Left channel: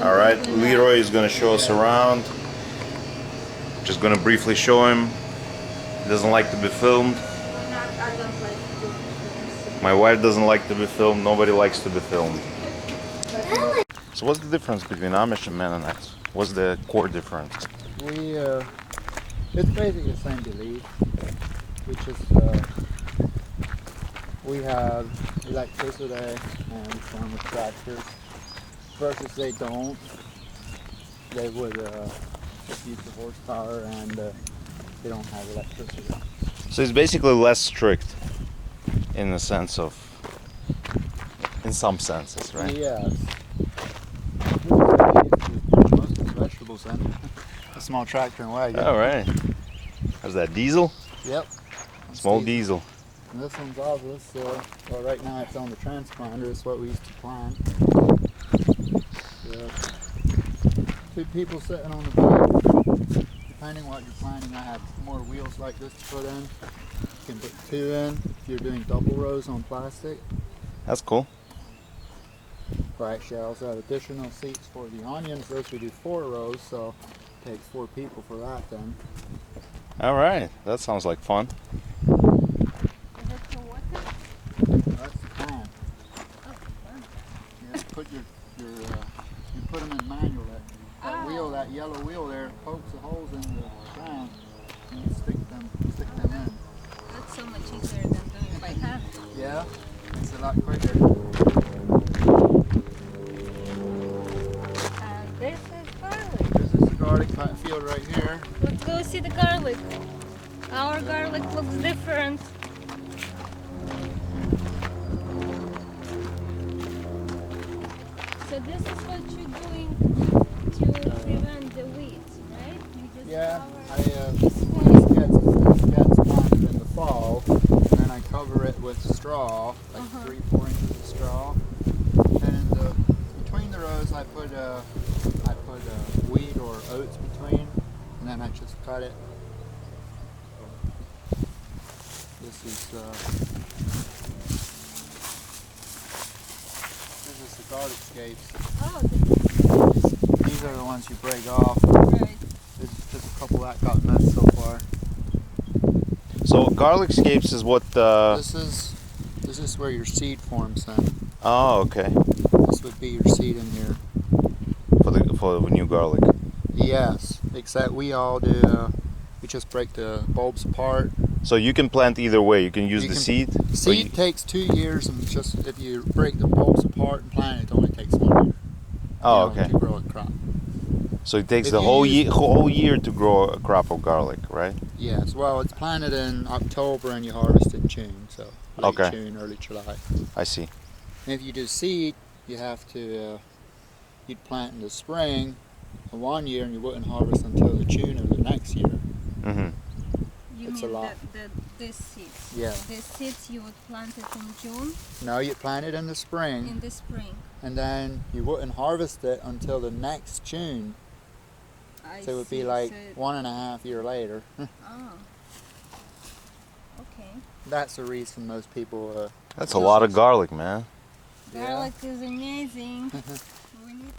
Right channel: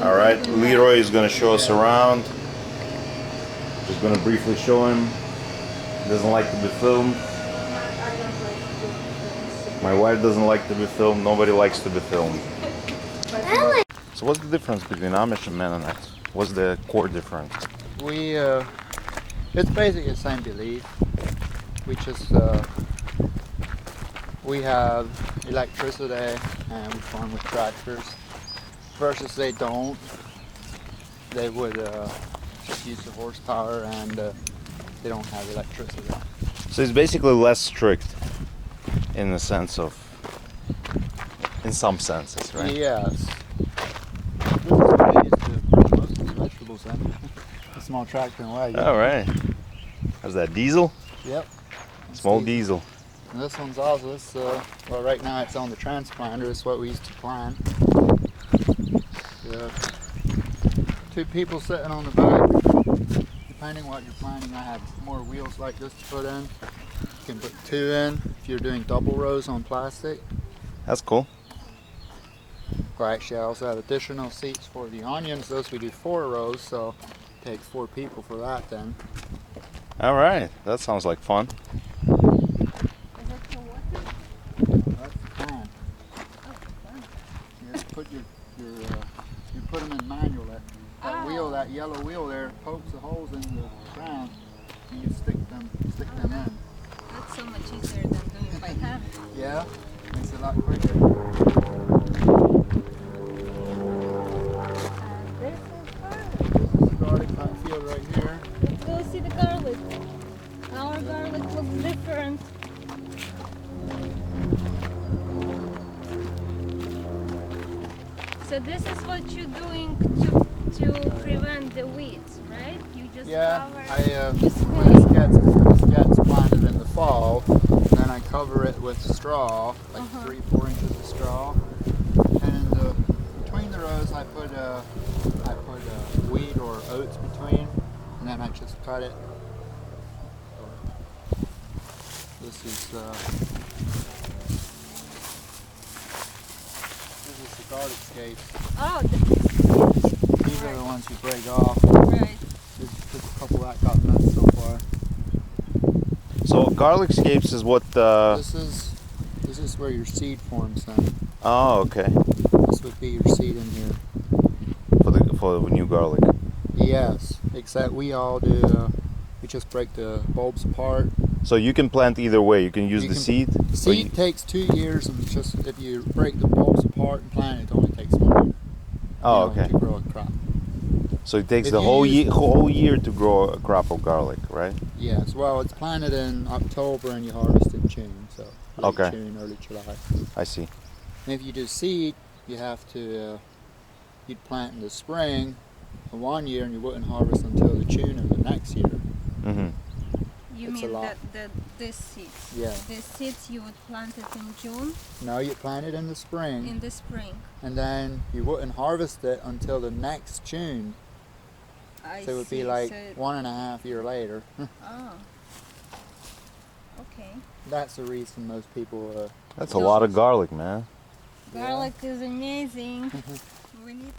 Alright, Leroy is gonna show us around. Just gonna briefly show him. He doesn't like to be filmed. My wife doesn't like to be filmed. Nobody likes to be filmed. So what's the difference between Amish and Mennonites? What's the core difference? It's basically the same belief. We have electricity and we farm with tractors. Versus they don't. They would just use the horsepower and they don't have electricity. So it's basically less strict in the sense of, in some senses, right? Yes. This is what I used to bring most of the vegetables in. A small tractor and wagon. All right. How's that, diesel? Yep. Small diesel. And this one's also, well, right now it's on the transplanter. It's what we used to plant. Yeah. 2 people sitting on the back. Depending what you're planting, I have more wheels like this to put in. You can put 2 in if you're doing double rows on plastic. That's cool. Or actually, I also have additional seats for the onions. Those we do 4 rows, so it takes 4 people for that then. All right, that sounds like fun. That's the plan. You just put you put them in manual. That wheel, that yellow wheel there, pokes the holes in the ground, and you stick them in. That's so much easier than doing it by hand. Yeah, makes it a lot quicker. And this is garlic. This is the garlic field right here. Let's go see the garlic. Our garlic looks different. So this is what you're doing to prevent the weeds, right? You just cover when this gets planted in the fall, and then I cover it with straw, like 3-4 inches of straw, and between the rows I put wheat or oats between, and then I just cut it. This is the garlic scapes. Oh, These are the ones you break off. right. There's just a couple that got missed so far. So garlic scapes is what? This is where your seed forms then. Oh, okay. This would be your seed in here. For the new garlic. Yes, except we all do. We just break the bulbs apart. So you can plant either way. You can use the seed. Seed takes 2 years, and just if you break the bulbs apart and plant it, only takes 1 year. Oh, okay. To grow a crop. So it takes the whole year to grow a crop of garlic, right? Yes. Well, it's planted in October and you harvest in June, so late June, early July. I see. And if you do seed, you have to you'd plant in the spring, 1 year, and you wouldn't harvest until the June of the next year. Mm-hmm. You It's mean a lot. this seeds? Yeah. This seeds you would plant it in June? No, you plant it in the spring. In the spring. And then you wouldn't harvest it until the next June. So it would be like 1.5 years later. Oh. Okay. That's the reason most people. That's a lot of garlic, man. Garlic is amazing. We need